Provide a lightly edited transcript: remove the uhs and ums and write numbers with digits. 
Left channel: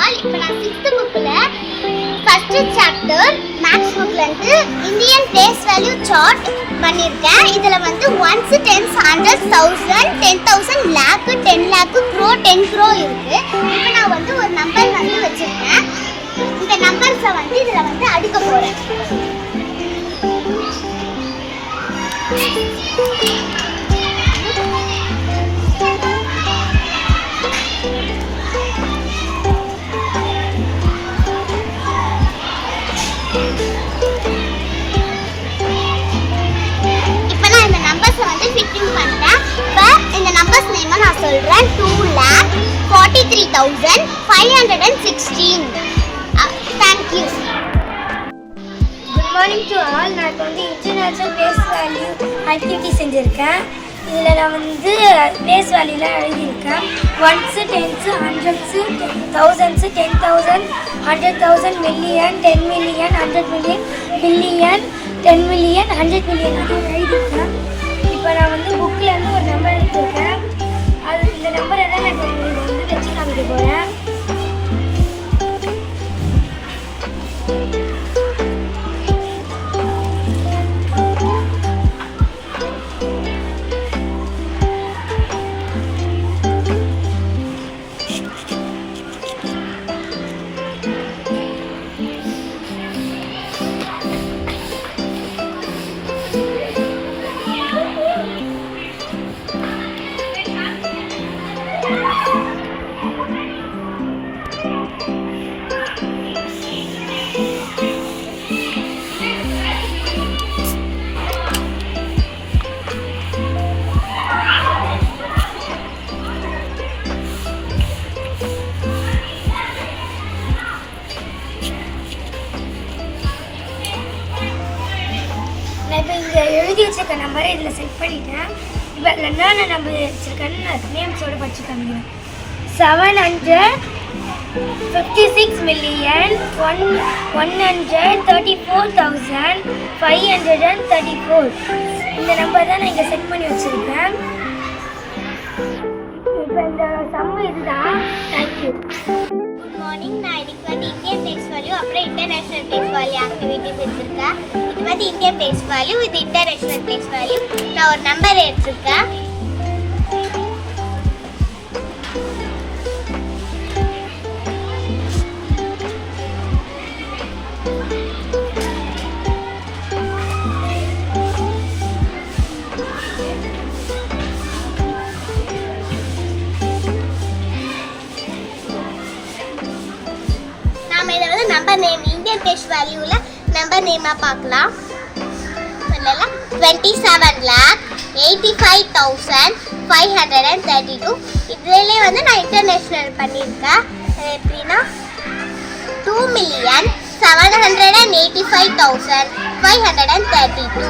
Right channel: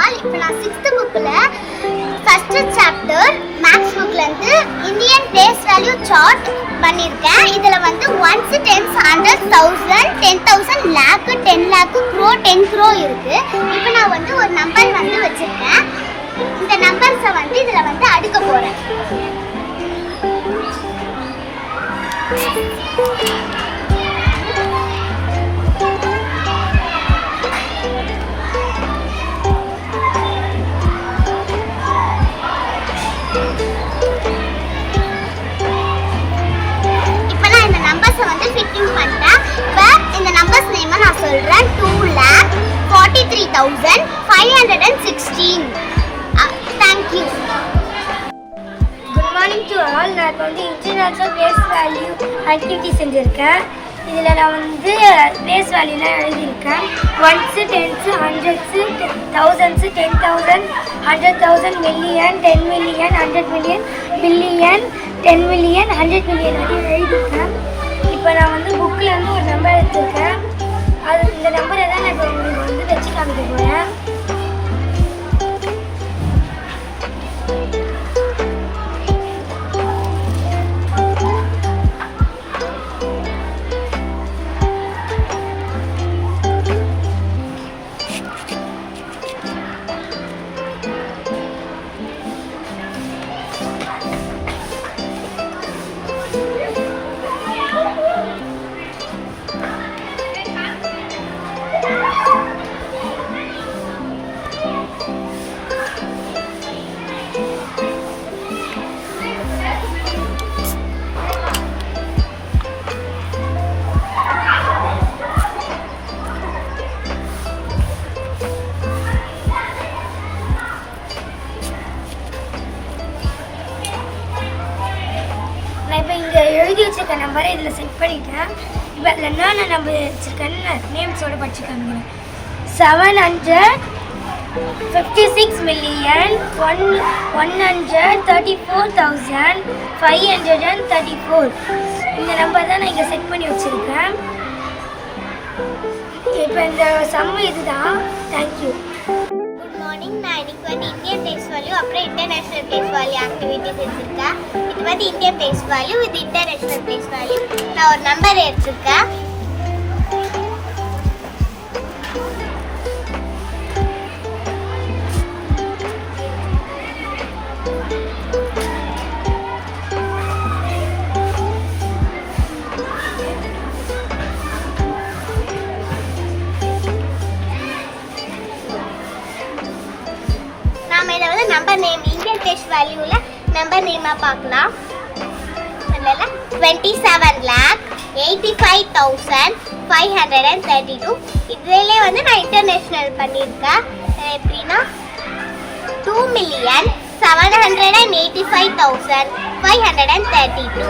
All. இப்போ நான் 6th புக்ல ஃபர்ஸ்ட் சாப்டர் மேக்ஸ் புக்ல இருந்து இந்தியன் பேஸ் வேல்யூ சார்ட் பண்ணியிருக்கேன். இதில் வந்து 1s, 10s, 100s, 1000, 10,000, lakh, 10 lakh, crore, 10 crore இருக்கு. இப்போ நான் வந்து ஒரு நம்பர் வந்து வச்சிருக்கேன். இந்த நம்பர்ஸை வந்து இதில் வந்து அடுக்க போகிறேன். சொல்றேன் 2,43,516. Thank you. Good morning to all. நான் வந்து இன்டர்நேஷனல் பேஸ் வேல்யூ ஆக்டிவிட்டி செஞ்சுருக்கேன். இதில் நான் வந்து பேஸ் வேல்யூலாம் எழுதியிருக்கேன். 1s, 10s, 100s, 1000s, 10,000, 100,000, million, 10 million, 100 million, billion, 10 million, 100 million எழுதியிருக்கேன். இப்போ நான் வந்து புக்கில் இருந்து ஒரு நம்பர் எடுத்திருக்கேன். அது இந்த நம்பரை தான் நான் உங்களுக்கு வந்து வச்சு காமிக்க போகிறேன். இப்போ இங்கே எழுதி வச்சிருக்க நம்பரை இதில் செட் பண்ணிட்டேன். இப்போ அதில் என்னென்ன நம்பர் வச்சுருக்கேன்னு நேம்ஸோடு படிச்சுக்கோங்க. 756,134,534 இந்த நம்பர் தான் நான் இங்கே செட் பண்ணி வச்சுருக்கேன். இப்போ இந்த சம்மு இதுதான். தேங்க்யூ. Good morning. நான் இன்னைக்கு வந்து இந்தியன் பேஸ் வேல்யூ அப்புறம் இன்டர்நேஷனல் பேஸ் வேல்யூ ஆக்டிவிட்டி செஞ்சுருக்கேன். இது வந்து இந்தியன் பேஸ் வேல்யூ, இது இன்டர்நேஷனல் பேஸ் வேல்யூ. நான் ஒரு நம்பர் எடுத்திருக்கேன். நம்பர் நேம் இந்தியன் பேஸ் வேல்யூல நம்பர் நேமா பார்க்கலாம். 27,85,532. இதுல வந்து நான் இன்டர்நேஷனல் பண்ணியிருக்கேன். எப்படின்னா 2,785,532.